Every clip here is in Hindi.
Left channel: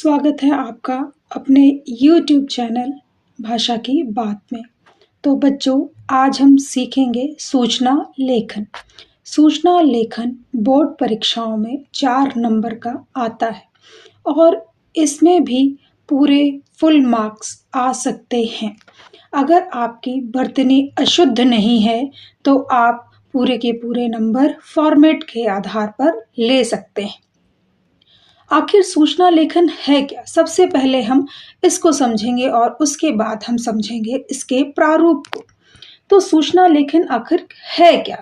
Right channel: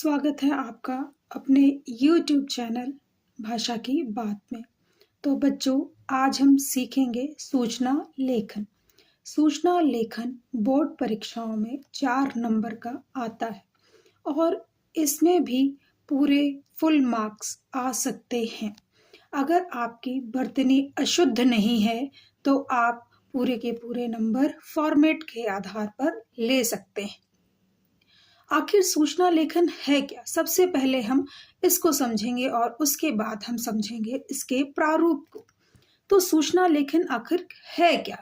स्वागत है आपका अपने YouTube चैनल भाषा की बात में। तो बच्चों, आज हम सीखेंगे सूचना लेखन। सूचना लेखन बोर्ड परीक्षाओं में 4 नंबर का आता है और इसमें भी पूरे फुल मार्क्स आ सकते हैं। अगर आपकी वर्तनी अशुद्ध नहीं है तो आप पूरे के पूरे नंबर फॉर्मेट के आधार पर ले सकते हैं। आखिर सूचना लेखन है क्या? सबसे पहले हम इसको समझेंगे और उसके बाद हम समझेंगे इसके प्रारूप को। तो सूचना लेखन आखिर है क्या?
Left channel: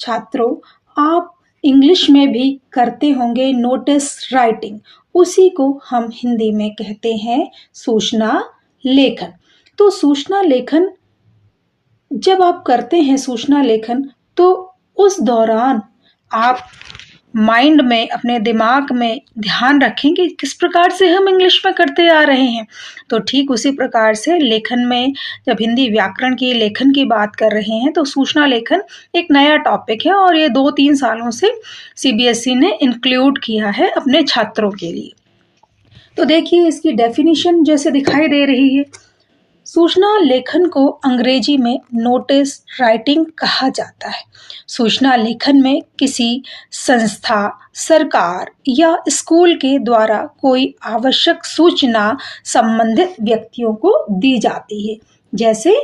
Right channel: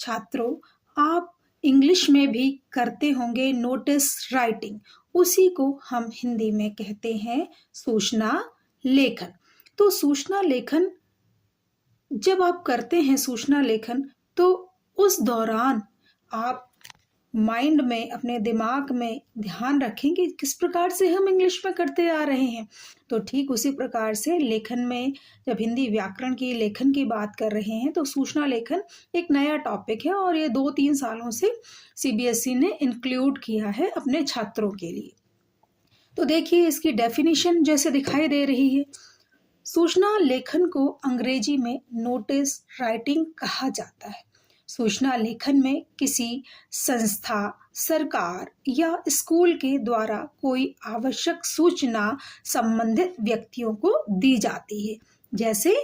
छात्रों, आप इंग्लिश में भी करते होंगे नोटिस राइटिंग, उसी को हम हिंदी में कहते हैं सूचना लेखन। तो सूचना लेखन जब आप करते हैं सूचना लेखन, तो उस दौरान आप माइंड में, अपने दिमाग में ध्यान रखें कि किस प्रकार से हम इंग्लिश में करते आ रहे हैं। तो ठीक उसी प्रकार से लेखन में, जब हिंदी व्याकरण की लेखन की बात कर रहे हैं तो सूचना लेखन एक नया टॉपिक है और ये 2-3 सालों से CBSE ने इंक्लूड किया है अपने छात्रों के लिए। तो देखिए, इसकी डेफिनेशन जैसे दिखाई दे रही है। सूचना लेखन को अंग्रेजी में नोटिस राइटिंग कहा जाता है। सूचना लेखन में किसी संस्था, सरकार या स्कूल के द्वारा कोई आवश्यक सूचना संबंधित व्यक्तियों को दी जाती है। जैसे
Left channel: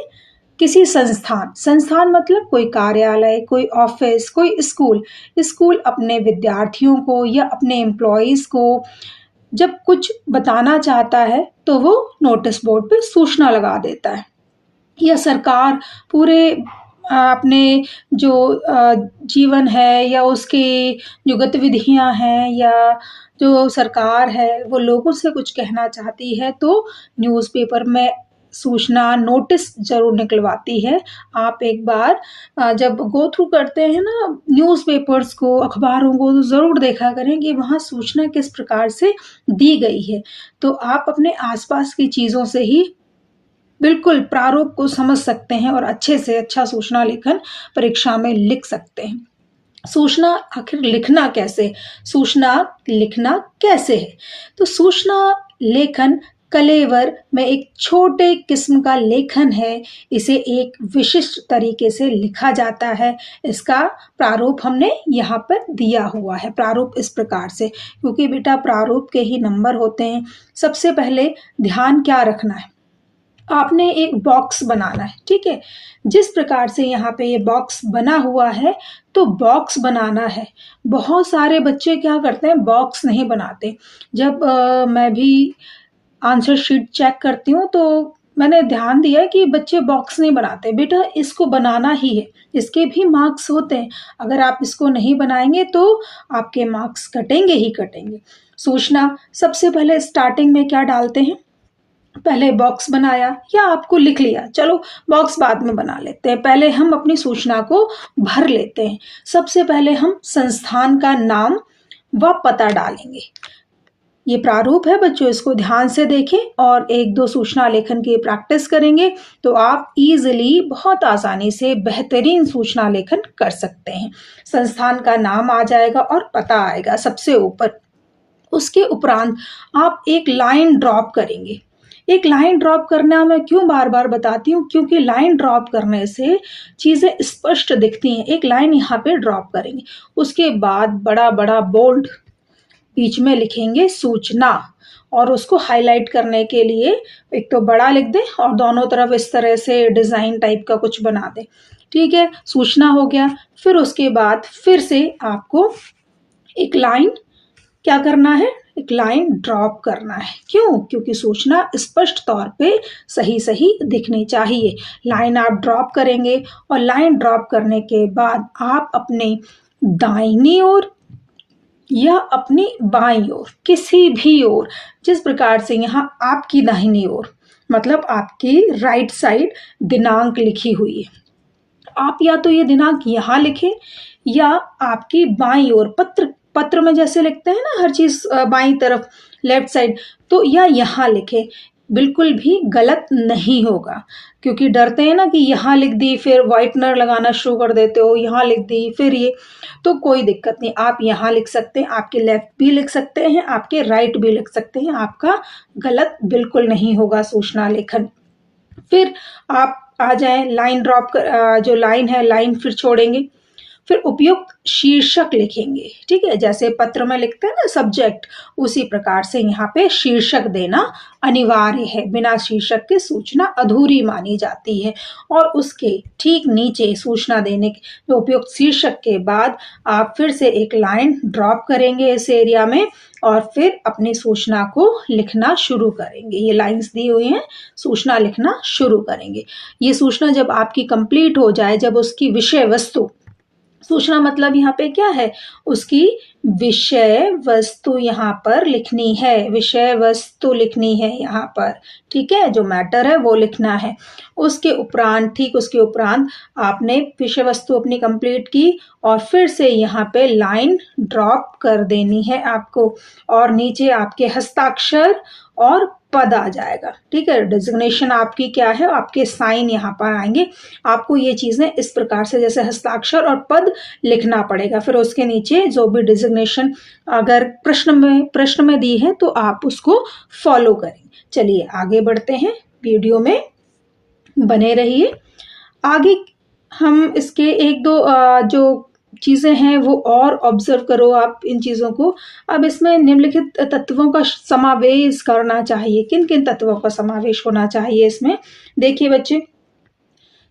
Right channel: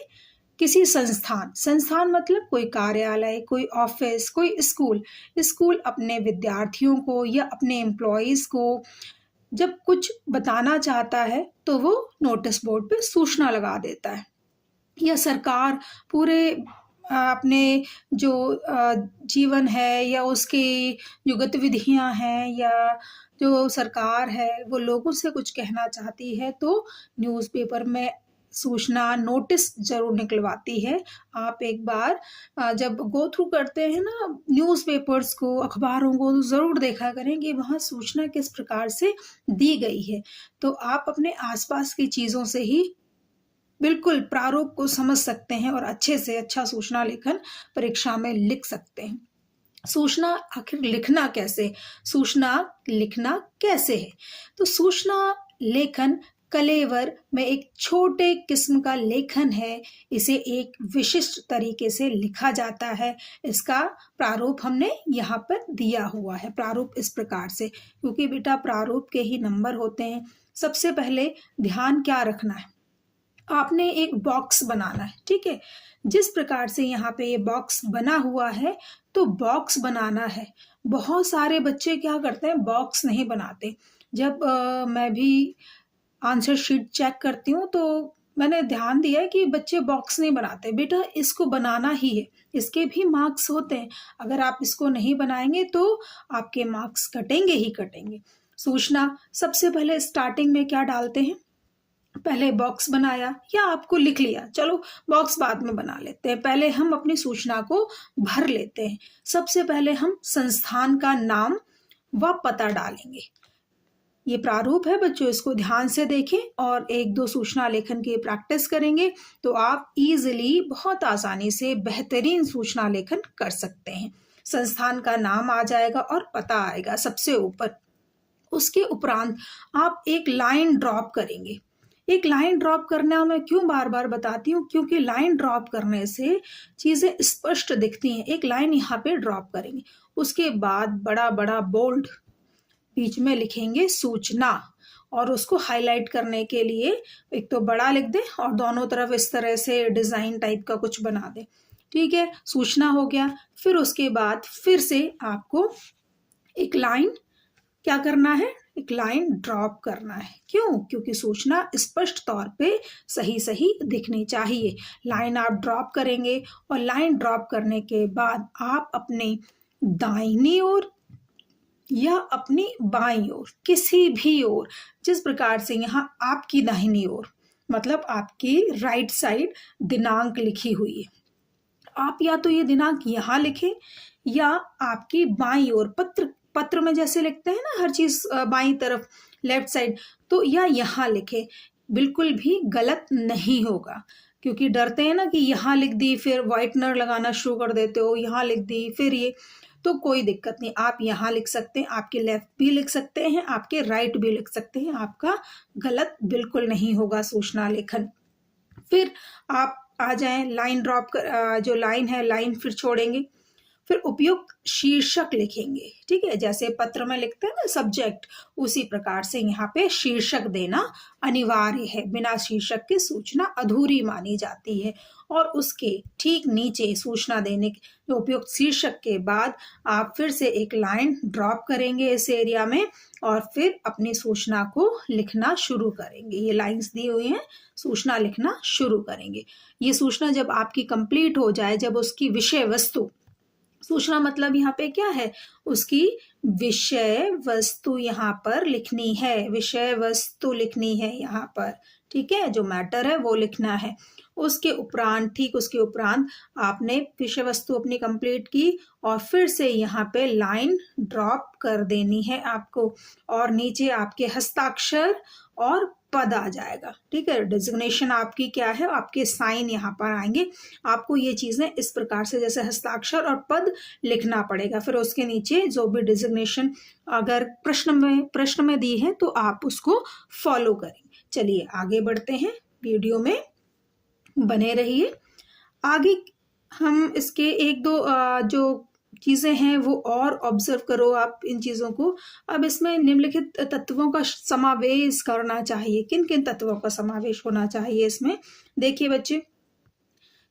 किसी संस्थान मतलब कोई कार्यालय, कोई ऑफिस, कोई स्कूल अपने विद्यार्थियों को या अपने एम्प्लॉइज को जब कुछ बताना चाहता है तो वो नोटिस बोर्ड पे सूचना लगा देता है। या सरकार पूरे अपने जो जीवन है या उसकी जो गतिविधियां हैं या जो सरकार है वो लोगों से कुछ कहना चाहती है तो न्यूज़पेपर में सूचना नोटिस जरूर निकलवाती है। आप एक बार जब गो थ्रू करते हैं ना न्यूज़पेपर्स को, अखबारों को, तो ज़रूर देखा करें कि वहाँ सूचना किस प्रकार से दी गई है। तो आप अपने आसपास की चीज़ों से ही बिल्कुल प्रारूप को समझ सकते हैं और अच्छे से अच्छा सूचना लेखन परीक्षा में लिख सकते हैं। सूचना आखिर लिखना कैसे? सूचना लिखना कैसे है? तो सूचना लेखन कलेवर में एक छोटे किस्म का लेखन है। इसे एक विशिष्ट तरीके से लिखा जाता है। इसका प्रारूप हमने यहाँ पर दिया हुआ है। प्रारूप इस प्रकार से, क्योंकि बेटा प्रारूप के ही नंबर होते हैं। सबसे पहले ध्यान क्या रखना है, आपने एक बॉक्स बनाना है, ठीक है। जिस प्रकार से यहाँ पे ये बॉक्स बना हुआ है तो बॉक्स बनाना है। बहुत सारे बच्चे क्या करते हैं, बॉक्स नहीं बनाते। जब मैं भी आंसर शीट चेक करती हूँ तो मैंने ध्यान दिया कि बच्चे बॉक्स नहीं बनाते। बेटा इसको बनाना ही है, इसके भी मार्क्स होते हैं। अगर आप इसको नहीं बनाएंगे तो आपके मार्क्स कटेंगे ही कटेंगे। सूचना सबसे पहले स्टार्टिंग में क्या डालते हैं, पहले बॉक्स बनाया या आपको लिख लिया, चलो बॉक्स बाद में बना लेते हैं। पहले हम अपनी सूचना को भर लेते हैं। सबसे पहले हम संस्थान का नाम व पता डालेंगे। ये प्रारूप है बच्चों, इसको ध्यान से देखें और 1-2 सूचना लेखन की प्रैक्टिस करेंगे तो आप इजीली, बहुत आसानी से बेहतरीन सूचना लेखन कर सकते हैं। संस्थान का नाम आ जाएगा और पता आएगा सबसे ऊपर। उसके उपरांत आप एक लाइन ड्रॉप करेंगे। एक लाइन ड्रॉप करना मैं क्यों बार बार बताती हूँ, क्योंकि लाइन ड्रॉप करने से चीज़ें स्पष्ट दिखती हैं। एक लाइन यहाँ पे ड्रॉप करेंगे, उसके बाद बड़ा बड़ा बोल्ड बीच में लिखेंगे सूचना, और उसको हाईलाइट करने के लिए एक तो बड़ा लिख दें और दोनों तरफ इस तरह से डिज़ाइन टाइप का कुछ बना दें। ठीक है, सूचना हो गया। फिर उसके बाद फिर से आपको एक लाइन क्या करना है, एक लाइन ड्रॉप करना है। क्यों? क्योंकि सूचना स्पष्ट तौर पे सही सही दिखनी चाहिए। लाइन आप ड्रॉप करेंगे और लाइन ड्रॉप करने के बाद आप अपने दाहिनी ओर या अपनी बाईं ओर, किसी भी ओर, जिस प्रकार से यहाँ आपकी दाहिनी ओर मतलब आपकी राइट साइड दिनांक लिखी हुई है, आप या तो ये दिनांक यहाँ लिखें या आपकी बाईं ओर, पत्र में जैसे लिखते हैं ना हर चीज बाईं तरफ लेफ्ट साइड, तो या यहाँ लिखें। बिल्कुल भी गलत नहीं होगा, क्योंकि डरते हैं ना कि यहाँ लिख दी फिर व्हाइटनर लगाना शुरू कर देते हो, यहाँ लिख दी फिर ये, तो कोई दिक्कत नहीं, आप यहाँ लिख सकते हैं, आपके लेफ्ट भी लिख सकते हैं, आपके राइट भी लिख सकते हैं, आपका गलत बिल्कुल नहीं होगा सूचना लेखन। फिर आप आ जाएं लाइन ड्रॉप कर, जो लाइन है लाइन फिर छोड़ेंगे, फिर उपयुक्त शीर्षक लिखेंगे, ठीक है, जैसे पत्र में लिखते हैं ना सब्जेक्ट, उसी प्रकार से यहाँ पे शीर्षक देना अनिवार्य है, बिना शीर्षक के सूचना अधूरी मानी जाती है। और उसके ठीक नीचे सूचना देने के जो उपयुक्त शीर्षक के बाद आप फिर से एक लाइन ड्रॉप करेंगे इस एरिया में और फिर अपनी सूचना को लिखना शुरू करेंगे। ये लाइंस दी हुई हैं, सूचना लिखना शुरू करेंगे। ये सूचना जब आपकी कंप्लीट हो जाए, जब उसकी विषय वस्तु, सूचना मतलब यहाँ पे क्या है, उसकी विषय वस्तु यहाँ पर लिखनी है, विषय वस्तु लिखनी है यहाँ पर, ठीक है, जो मैटर है वो लिखना है। उसके उपरांत, ठीक उसके उपरांत आपने विषय वस्तु अपनी कंप्लीट की और फिर से यहाँ पे लाइन ड्रॉप कर देनी है आपको, और नीचे आपके हस्ताक्षर और पद आ जाएगा, ठीक है, डिजिग्नेशन आपकी क्या है, आपके साइन यहाँ पर आएंगे। आपको ये चीजें इस प्रकार से जैसे हस्ताक्षर और पद लिखना पड़ेगा। फिर उसके नीचे जो भी डिजिग्नेशन अगर प्रश्न में दी है तो आप उसको फॉलो करें। चलिए आगे बढ़ते हैं, वीडियो में बने रहिए। आगे हम इसके एक दो जो चीजें हैं वो और ऑब्जर्व करो आप इन चीजों को। अब इसमें निम्नलिखित तत्वों का समावेश करना चाहिए। किन किन तत्वों का समावेश होना चाहिए इसमें, देखिए बच्चे,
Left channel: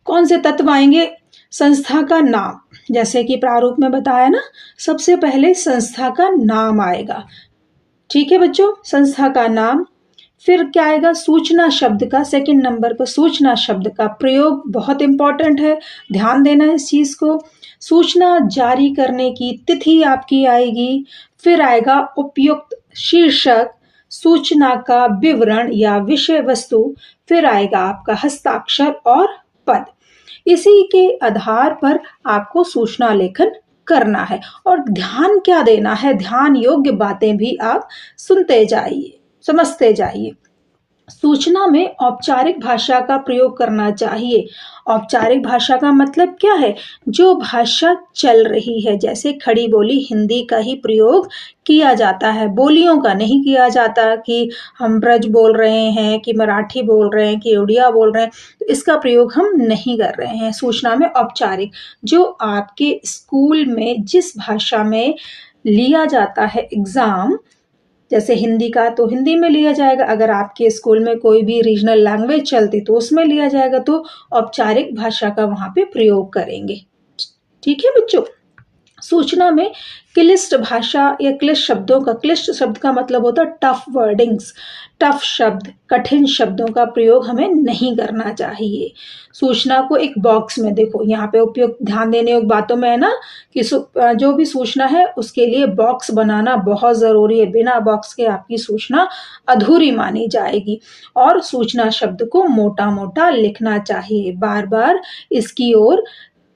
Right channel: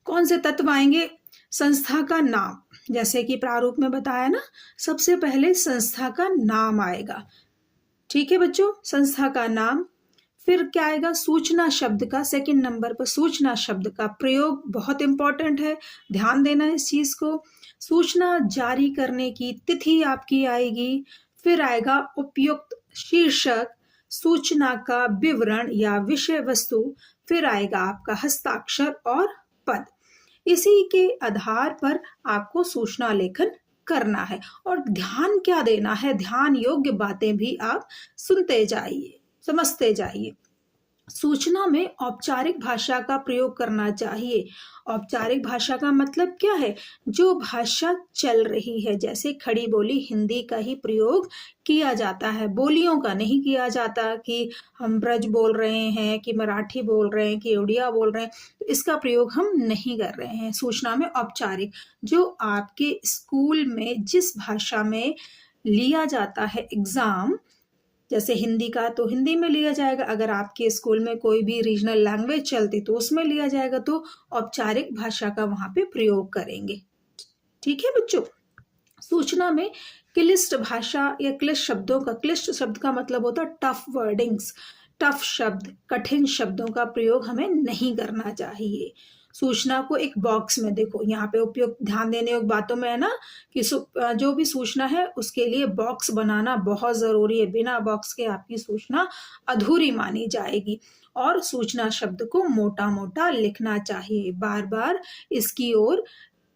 कौन से तत्व आएंगे, संस्था का नाम, जैसे कि प्रारूप में बताया ना, सबसे पहले संस्था का नाम आएगा, ठीक है बच्चों, संस्था का नाम। फिर क्या आएगा, सूचना शब्द का, सेकंड नंबर पर सूचना शब्द का प्रयोग बहुत इंपॉर्टेंट है, ध्यान देना इस चीज को। सूचना जारी करने की तिथि आपकी आएगी। फिर आएगा उपयुक्त शीर्षक, सूचना का विवरण या विषय वस्तु, फिर आएगा आपका हस्ताक्षर और पद। इसी के आधार पर आपको सूचना लेखन करना है। और ध्यान क्या देना है, ध्यान योग्य बातें भी आप सुनते जाइए, समझते जाइए। सूचना में औपचारिक भाषा का प्रयोग करना चाहिए। औपचारिक भाषा का मतलब क्या है, जो भाषा चल रही है, जैसे खड़ी बोली हिंदी का ही प्रयोग किया जाता है, बोलियों का नहीं किया जाता कि हम ब्रज बोल रहे हैं, कि मराठी बोल रहे हैं, कि उड़िया बोल रहे हैं, तो इसका प्रयोग हम नहीं कर रहे हैं। सूचना में औपचारिक, जो आपके स्कूल में जिस भाषा में लिया जाता है एग्जाम, जैसे हिंदी का तो हिंदी में लिया जाएगा, अगर आपके स्कूल में कोई भी रीजनल लैंग्वेज चलती तो उसमें लिया जाएगा, तो औपचारिक भाषा का वहां पे प्रयोग करेंगे, ठीक है बच्चों। सूचना में क्लिष्ट भाषा या क्लिष्ट शब्दों का, क्लिष्ट शब्द का मतलब होता है टफ वर्डिंग्स, टफ शब्द, कठिन शब्दों का प्रयोग हमें नहीं करना चाहिए। सूचना को एक बॉक्स में, देखो यहाँ पे उपयुक्त ध्यान देने योग्य बातों में है ना कि जो भी सूचना है उसके लिए बॉक्स बनाना बहुत जरूरी है, बिना बॉक्स के आपकी सूचना अधूरी मानी जाएगी। और सूचना शब्द को मोटा मोटा लिखना चाहिए, बार बार इसकी ओर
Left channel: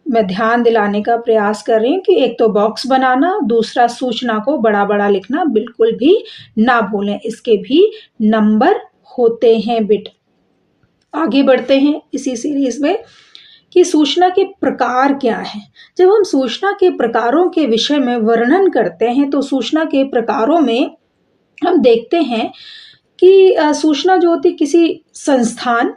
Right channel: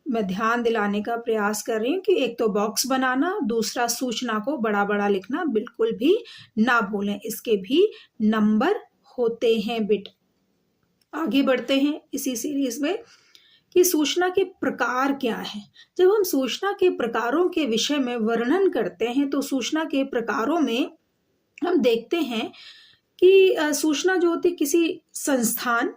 मैं ध्यान दिलाने का प्रयास कर रही हूँ कि एक तो बॉक्स बनाना, दूसरा सूचना को बड़ा बड़ा लिखना बिल्कुल भी ना भूलें, इसके भी नंबर होते हैं बिट। आगे बढ़ते हैं इसी सीरीज में कि सूचना के प्रकार क्या है। जब हम सूचना के प्रकारों के विषय में वर्णन करते हैं तो सूचना के प्रकारों में हम देखते हैं कि सूचना जो होती किसी संस्थान,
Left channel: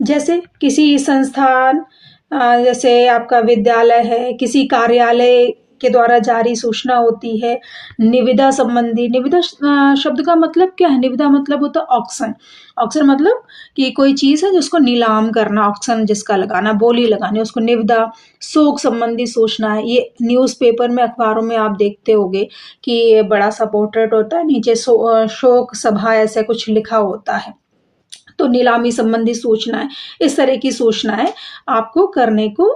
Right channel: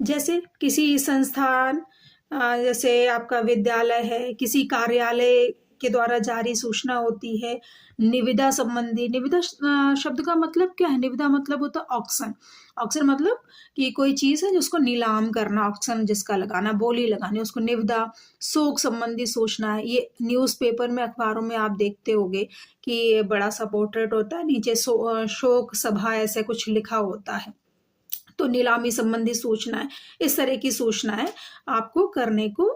जैसे किसी संस्थान जैसे आपका विद्यालय है, किसी कार्यालय के द्वारा जारी सूचना होती है। निविदा संबंधी, निविदा शब्द का मतलब क्या है, निविदा मतलब होता है ऑक्शन। ऑक्शन मतलब कि कोई चीज है जिसको नीलाम करना, ऑक्शन जिसका लगाना, बोली लगानी, उसको निविदा। शोक संबंधी सूचना है, ये न्यूज़पेपर में, अखबारों में आप देखते होंगे कि बड़ा सा पोर्ट्रेट होता है, नीचे शोक सभा ऐसा कुछ लिखा होता है, तो नीलामी संबंधी सूचनाएं, इस तरह की सूचनाएं आपको करने को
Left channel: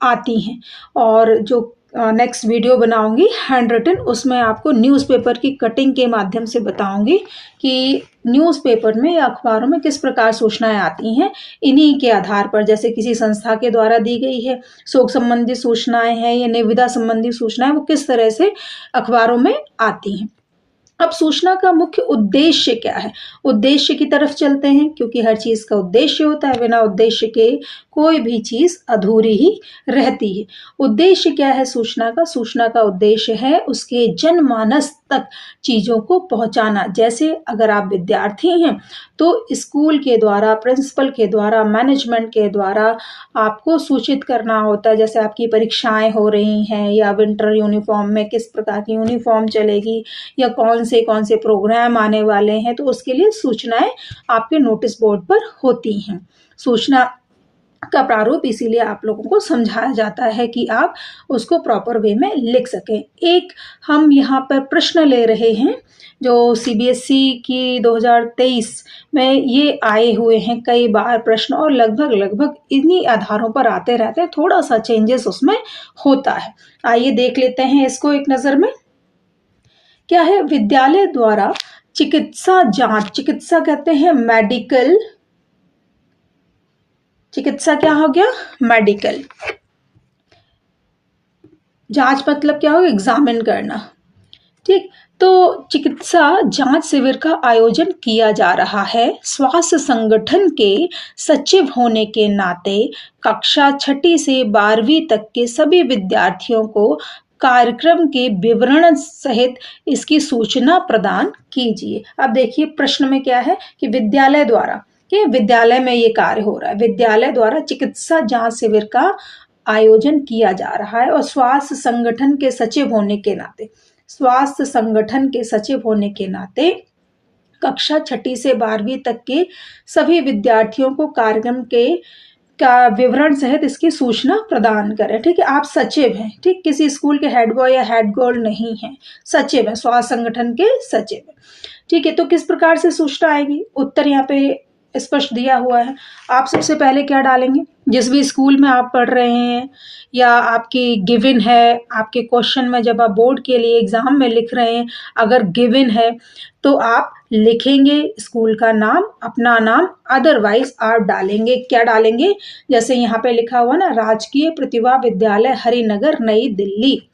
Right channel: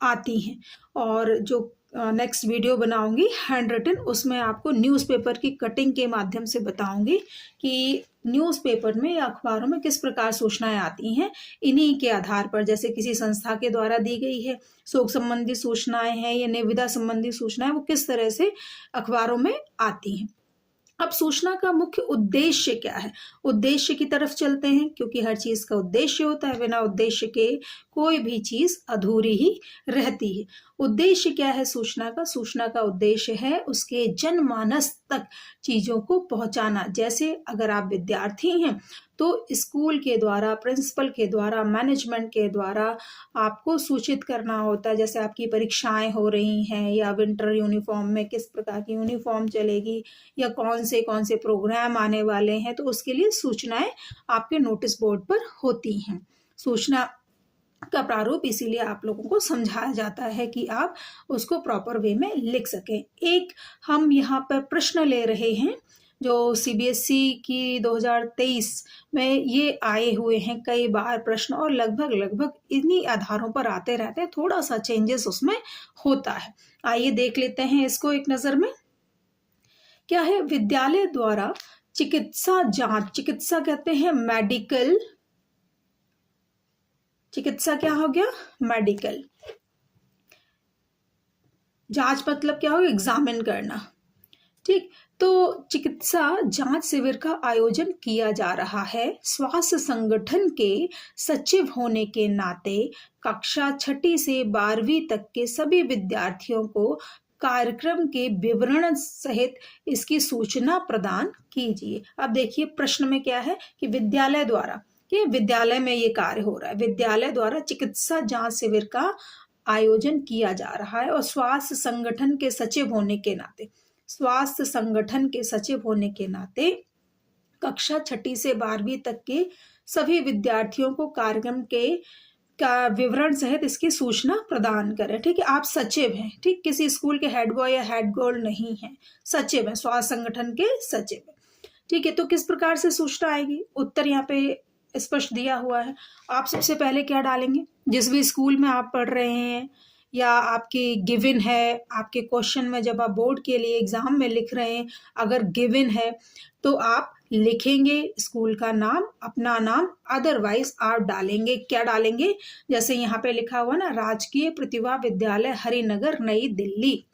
आती हैं। और जो नेक्स्ट वीडियो बनाऊंगी हैंड रिटन, उसमें आपको न्यूज़पेपर की कटिंग के माध्यम से बताऊंगी कि न्यूज़पेपर में या अखबारों में किस प्रकार सूचनाएं आती हैं। इन्हीं के आधार पर, जैसे किसी संस्था के द्वारा दी गई है शोक संबंधी सूचनाएं हैं या निविदा संबंधी सूचनाएं, वो किस तरह से अखबारों में आती हैं। अब सूचना का मुख्य उद्देश्य क्या है? उद्देश्य की तरफ चलते हैं, क्योंकि हर चीज का उद्देश्य होता है, बिना उद्देश्य के कोई भी चीज अधूरी ही रहती है। उद्देश्य क्या है सूचना का? सूचना का उद्देश्य है उसके जनमानस तक चीजों को पहुंचाना। जैसे अगर आप विद्यार्थी हैं तो स्कूल के द्वारा, प्रिंसिपल के द्वारा, मैनेजमेंट के द्वारा आपको सूचित करना होता है। जैसे आपकी परीक्षाएं हो रही हैं, या विंटर यूनिफॉर्म में किस प्रकार की यूनिफॉर्म चलेगी, या कौन से प्रोग्राम आने वाले हैं, तो उसके लिए सूचनाएं आपके नोटिस बोर्ड पर होती हैं। सूचना का प्रारूप इसीलिए आप लोगों को समझाया जाता है कि आप उसको प्रॉपर वे में लिख सकें। एक हम यहाँ पर प्रश्न ले रहे हैं जो सीबीएसई की 2023 में ये आए हुए हैं कई बार प्रश्न, और लगभग इन्हीं आधारों पर आते रहते हैं, थोड़ा सा चेंजेस उसमें होता है। आइए देख लेते हैं इसको एक नज़र में। क्या है? विद्यालय द्वारा चिकित्सा जांच, चिकित्सा कहते हैं मेडिकल, चिकित्सा क्या हो गया? मेडिकल। जांच मतलब क्या हो? एग्जामिन करना। ठीक, तो चिकित्सा जांच शिविर का आयोजन किया जा रहा है। स्वास्थ्य संगठन के सचिव होने के नाते कक्षा 6ठी से 12वीं तक के सभी विद्यार्थियों को कार्यक्रम के विवरण सहित इसकी सूचना प्रदान कीजिए। अब देखिए प्रश्न में क्या है कि विद्यालय द्वारा, कि विद्यालय में ये कार्य हो रहा है, विद्यालय द्वारा चिकित्सा जांच शिविर का आयोजन किया जा रहा है, और स्वास्थ्य संगठन के सचिव होने के नाते, स्वास्थ्य संगठन के सचिव होने के नाते कक्षा 6ठी से 12वीं तक के सभी विद्यार्थियों को कार्यक्रम के का विवरण सहित इसकी सूचना प्रदान करें। ठीक है, आप सचिव हैं, ठीक, किसी स्कूल के हेड बॉय या हेड गर्ल नहीं है, सचिव है, स्वास्थ्य संगठन के सचिव है। ठीक है, तो किस प्रकार से सूचना आएगी? उत्तर यहाँ पे स्पष्ट दिया हुआ है। आप सबसे पहले क्या डालेंगे? जिस भी स्कूल में आप पढ़ रहे हैं या आपकी गिवन है, आपके क्वेश्चन में जब आप बोर्ड के लिए एग्जाम में लिख रहे हैं, अगर गिवन है तो आप लिखेंगे स्कूल का नाम, अपना नाम, अदरवाइज आप डालेंगे, क्या डालेंगे? जैसे यहाँ पे लिखा हुआ ना, राजकीय प्रतिभा विद्यालय हरिनगर नई दिल्ली।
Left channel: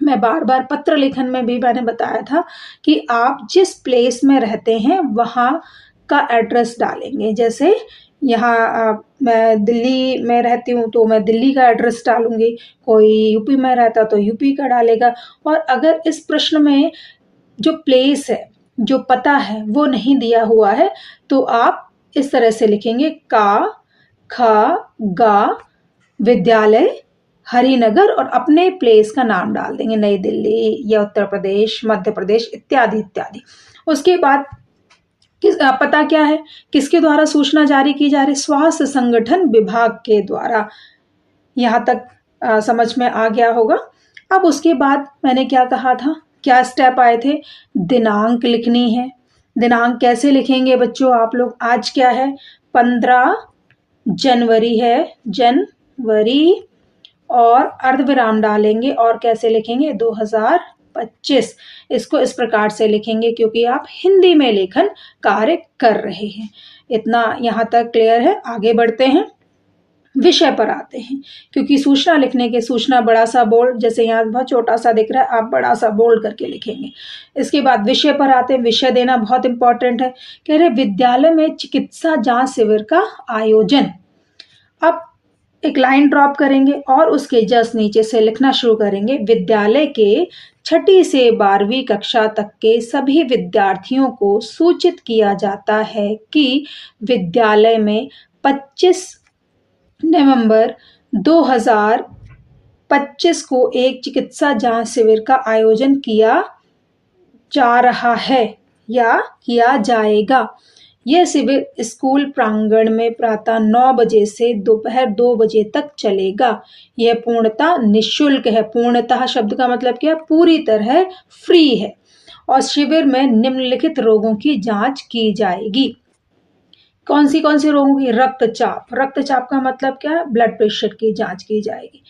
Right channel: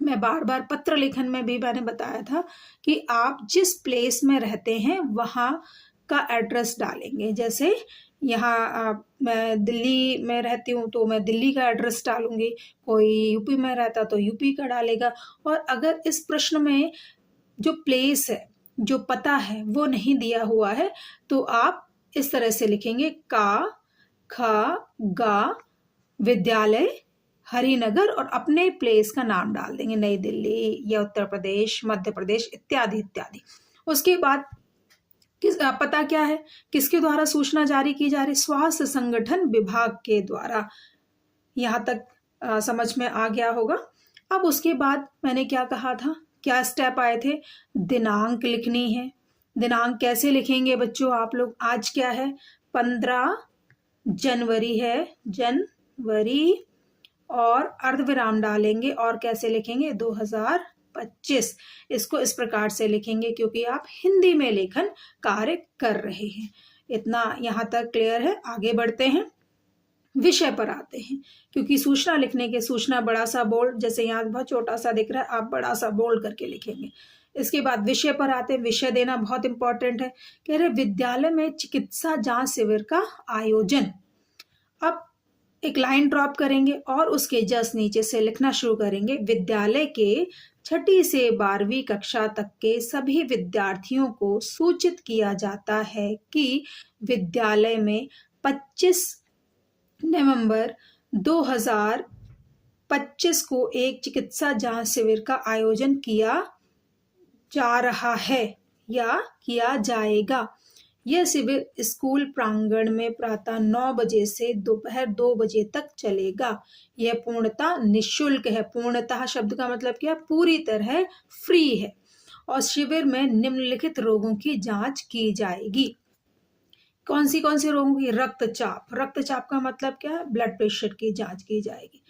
मैं बार बार पत्र लेखन में भी मैंने बताया था कि आप जिस प्लेस में रहते हैं वहाँ का एड्रेस डालेंगे। जैसे यहाँ मैं दिल्ली में रहती हूँ तो मैं दिल्ली का एड्रेस डालूंगी, कोई यूपी में रहता तो यूपी का डालेगा। और अगर इस प्रश्न में जो प्लेस है, जो पता है वो नहीं दिया हुआ है, तो आप इस तरह से लिखेंगे का ख गा विद्यालय हरिनगर, और अपने प्लेस का नाम डाल देंगे, नई दिल्ली या उत्तर प्रदेश, मध्य प्रदेश, इत्यादि इत्यादि। उसके बाद पता क्या है, किसके द्वारा सूचना जारी की जा रही? स्वास्थ्य संगठन विभाग के द्वारा। यहाँ तक समझ में आ गया होगा। अब उसके बाद मैंने क्या कहा था, क्या स्टेप आए थे? दिनांक लिखनी है। दिनांक कैसे लिखेंगे बच्चों आप लोग? आज क्या है? 15 जनवरी है, जनवरी, और अर्धविराम डालेंगे, और कैसे लिखेंगे? 2025। इसको इस प्रकार से लिखेंगे क्योंकि आप हिंदी में लेखन कार्य कर रहे हैं। इतना यहाँ तक क्लियर है। आगे बढ़ते हैं, विषय पर आते हैं, क्योंकि सूचना लिखने के, सूचना बड़ा सा बोल्ड, जैसे यहाँ बहुत छोटा सा दिख रहा है, आप बड़ा सा बोल्ड करके लिखेंगे। इसके बाद विषय पर आते हैं। विषय देना बहुत इंपॉर्टेंट है। कह रहे विद्यालय में चिकित्सा जांच शिविर का आयोजन। अब एक लाइन ड्रॉप करेंगे और उसके जस्ट नीचे से लिखना शुरू करेंगे, विद्यालय के 6ठी से 12वीं कक्षा तक के सभी विद्यार्थियों को सूचित किया जाता है कि विद्यालय में 25 नवंबर 2025 को एक चिकित्सा जांच शिविर का आयोजन किया जा रहा है या किया जाएगा। यह शिविर स्कूल प्रांगण में प्रातः 9 बजे से दोपहर 2 बजे तक चलेगा। यह पूर्णतः निःशुल्क है। पूर्णतः शब्द का मतलब क्या? पूरी तरह फ्री है। और शिविर में निम्नलिखित रोगों की जांच की जाएगी। कौन सी रोगों की? रक्तचाप। रक्तचाप का मतलब क्या है? ब्लड प्रेशर की जांच की जाएगी।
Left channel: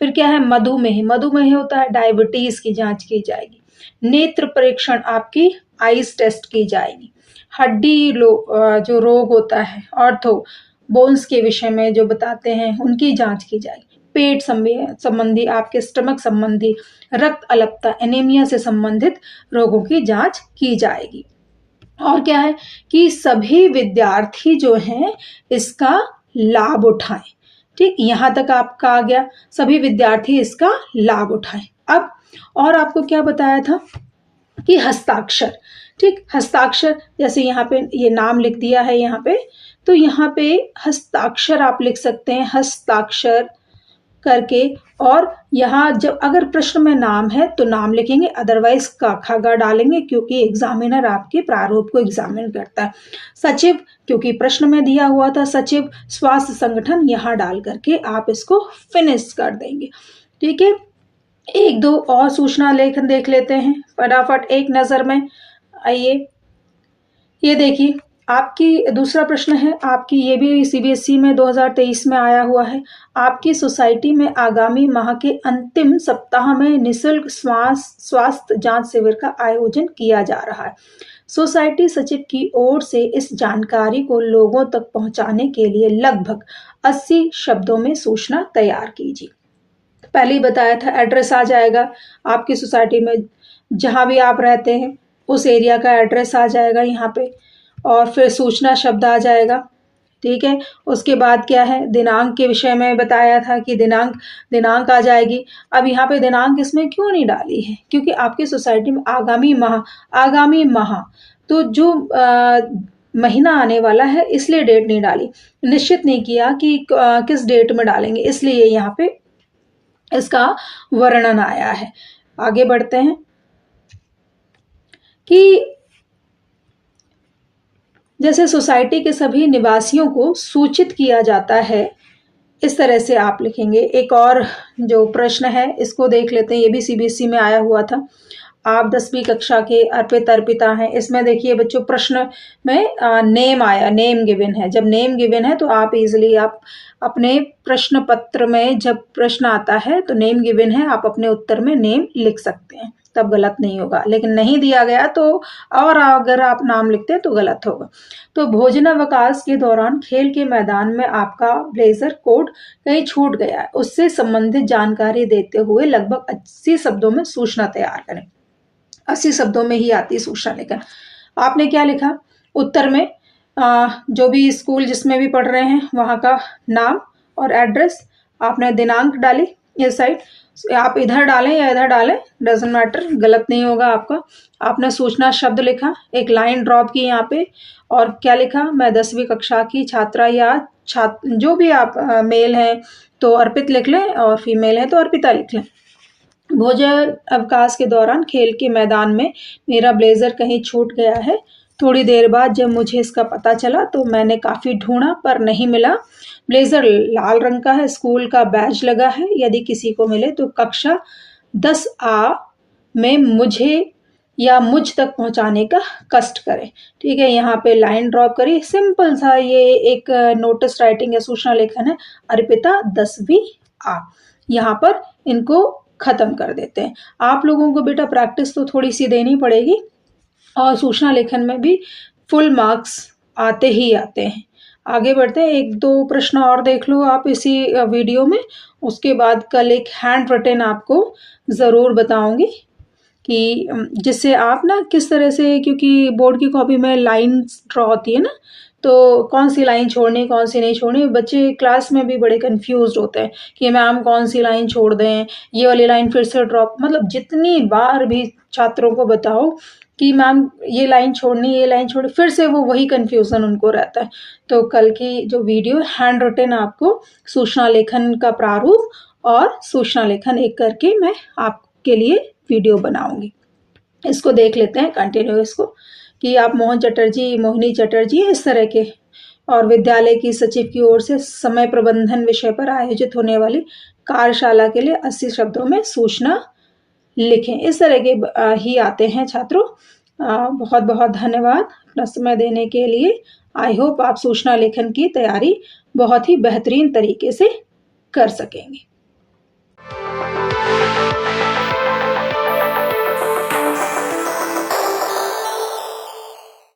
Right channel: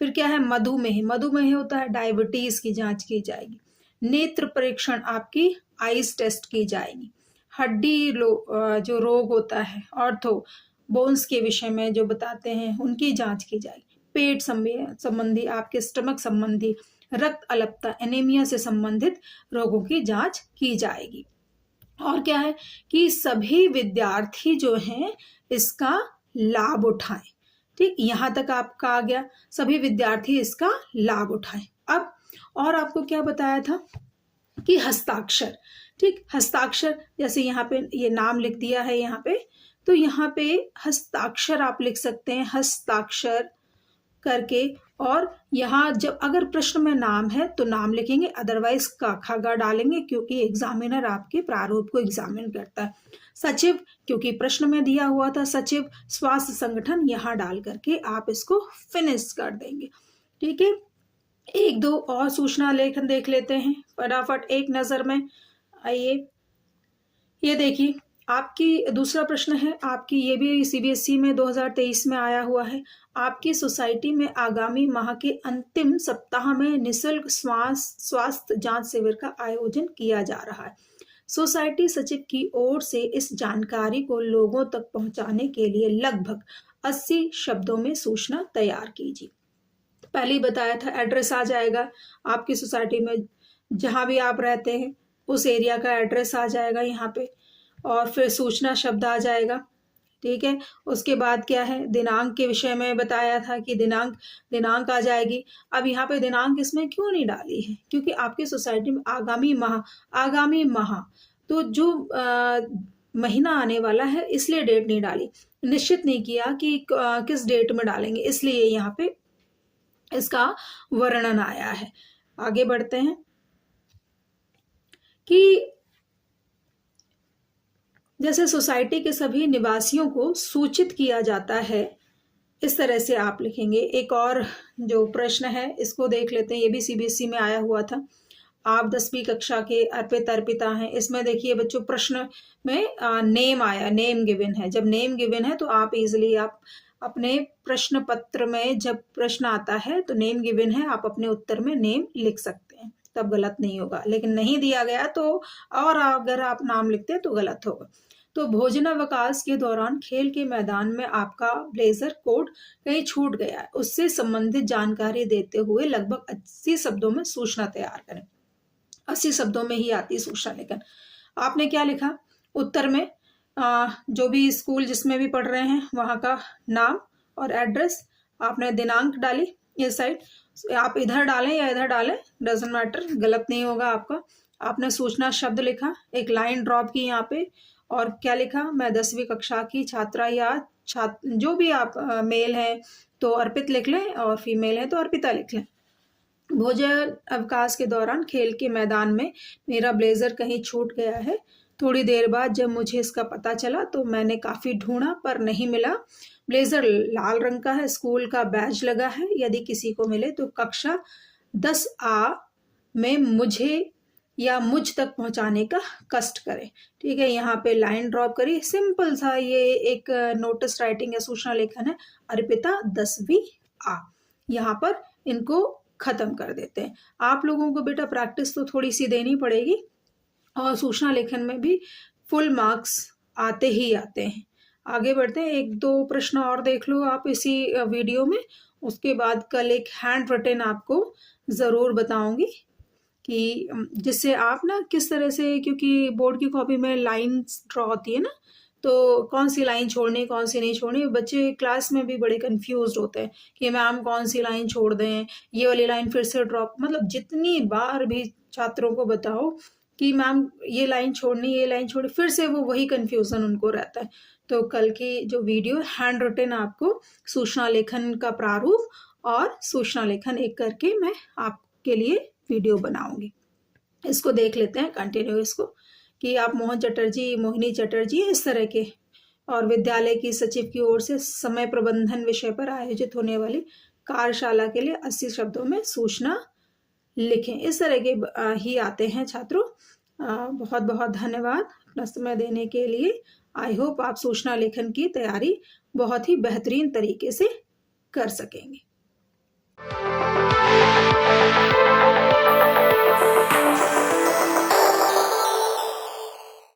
फिर क्या है? मधुमेह। मधुमेह होता है डायबिटीज की जांच की जाएगी। नेत्र परीक्षण, आपकी आईज टेस्ट की जाएगी। हड्डी जो रोग होता है, ऑर्थो बोन्स के विषय में जो बताते हैं, उनकी जांच की जाएगी। पेट संबंधी, आपके स्टमक संबंधी, रक्त अल्पता एनीमिया से संबंधित रोगों की जांच की जाएगी। और क्या है कि सभी विद्यार्थी जो हैं इसका लाभ उठाएं। ठीक, यहाँ तक आपका आ गया, सभी विद्यार्थी इसका लाभ उठाएं। अब और आपको क्या बताया था कि हस्ताक्षर, ठीक, हस्ताक्षर जैसे यहाँ पे ये नाम लिख दिया है यहाँ पे, तो यहाँ पे हस्ताक्षर आप लिख सकते हैं, हस्ताक्षर करके, और यहाँ जब अगर प्रश्न में नाम है तो नाम लिखेंगे, अदरवाइज का खा गा डालेंगे क्योंकि एग्जामिनर आपके प्रारूप को एग्जामिन करता है। सचिव, क्योंकि प्रश्न में दिया हुआ था सचिव स्वास्थ्य संगठन, यहाँ डाल करके आप इसको फिनिश कर देंगे। ठीक है, एक दो और सूचना लेखन देख लेते हैं फटाफट एक नज़र में। आइए, ये देखिए आपकी दूसरा प्रश्न है आपकी, ये भी सीबीएसई में 2023 में आया हुआ है। आपकी सोसाइटी में आगामी माह के अंतिम सप्ताह में निःशुल्क स्वास्थ्य जांच शिविर का आयोजन किया जा रहा है। सोसाइटी सचिव की ओर से इस जानकारी को लोगों तक पहुंचाने के लिए लगभग 80 शब्दों में सूचना तैयार कीजिए। पहले ही बताया था, एड्रेस आ जाएगा आपकी सोसाइटी में, जहां भी आप रहते हैं उस एरिया का एड्रेस आ जाएगा यहाँ पे, और फिर सूचना शब्द आ जाएगा। ठीक है, उसके बाद क्या है, दिनांक के विषय में बताया था कि दिनांक आ जाएगी। अब यहाँ पे दिनांक इसमें क्यों नहीं डाली है, क्योंकि आपकी सोसाइटी में आगामी माह तो जो महीना आने वाला है इसलिए डेट नहीं डाली, निश्चित नहीं किया कि किस डेट में डालेंगे, इसलिए यहाँ पे इसका वर्णन आया है। आगे बढ़ते हैं कि जैसे सोसाइटी के सभी निवासियों को सूचित किया जाता है, इस तरह से आप लिखेंगे। एक और जो प्रश्न है इसको देख लेते हैं, ये भी सीबीएसई में आया हुआ था। आप 10वीं कक्षा के अर्पिता हैं। इसमें देखिए बच्चों, प्रश्न में नेम आया, नेम गिवन है। जब नेम गिवन है तो आप इजीली आप अपने प्रश्न पत्र में जब प्रश्न आता है तो नेम गिवन है, आप अपने उत्तर में नेम लिख सकते हैं, तब गलत नहीं होगा। लेकिन नहीं दिया गया तो, और अगर आप नाम लिखते हैं तो गलत होगा। तो भोजनावकाश के दौरान खेल के मैदान में आपका ब्लेजर कोट कहीं छूट गया है, उससे संबंधित जानकारी देते हुए लगभग 80 शब्दों में सूचना तैयार करें। 80 शब्दों में ही आती है सूचना लेखन। आपने क्या लिखा उत्तर में, जो भी स्कूल जिसमें भी पढ़ रहे हैं वहाँ का नाम और एड्रेस, आपने दिनांक डाली इस साइड, आप इधर डालें या इधर डालें डजेंट मैटर, गलत नहीं होगा आपका। आपने सूचना शब्द लिखा, एक लाइन ड्रॉप की यहाँ पे, और क्या लिखा, मैं 10वीं कक्षा की छात्रा या छात्र, जो भी आप मेल हैं तो अर्पित लिख लें और फीमेल है तो अर्पिता लिख लें। भोजन अवकाश के दौरान खेल के मैदान में मेरा ब्लेजर कहीं छूट गया है। थोड़ी देर बाद जब मुझे इसका पता चला तो मैंने काफ़ी ढूंढा पर नहीं मिला। ब्लेजर लाल रंग का है, स्कूल का बैज लगा है। यदि किसी को मिले तो कक्षा 10A में मुझे या मुझ तक पहुंचाने का कष्ट करें। ठीक है, यहाँ पे लाइन ड्रॉप करिए, सिंपल सा ये एक नोटिस राइटिंग या सूचना लेखन है। अर्पिता 10वीं A, यहाँ पर इनको ख़त्म कर देते हैं। आप लोगों को बेटा प्रैक्टिस तो थोड़ी सी देनी पड़ेगी, और सूचना लेखन में भी फुल मार्क्स आते ही आते हैं। आगे बढ़ते हैं, एक दो प्रश्न और देख लो आप इसी वीडियो में, उसके बाद कल एक हैंड रिटन आपको ज़रूर बताऊंगी कि जिससे आप ना किस तरह से, क्योंकि बोर्ड की कॉपी में लाइन्स ड्रॉ होती है ना, तो कौन सी लाइन छोड़नी कौन सी नहीं छोड़नी, बच्चे क्लास में भी बड़े कंफ्यूज होते हैं कि मैम कौन सी लाइन छोड़ दें, ये वाली लाइन फिर से ड्रॉप, मतलब जितनी बार भी छात्रों को बताओ कि मैम ये लाइन छोड़नी, फिर से वो वही कन्फ्यूज़न उनको रहता है। तो कल की जो वीडियो हैंड रिटन आपको सूचना लेखन का प्रारूप और सूचना लेखन एक करके मैं आपके लिए वीडियो बनाऊंगी। इसको देख लेते हैं कंटिन्यू इसको, कि आप मोहिनी चटर्जी इस तरह के, और विद्यालय की सचिव की ओर से समय प्रबंधन विषय पर आयोजित होने वाली कार्यशाला के लिए 80 शब्दों में सूचना लिखें। इस तरह के ही आते हैं छात्रों। बहुत बहुत धन्यवाद अपना समय देने के लिए। आई होप आप सूचना लेखन की तैयारी बहुत ही बेहतरीन तरीके से कर सकेंगे।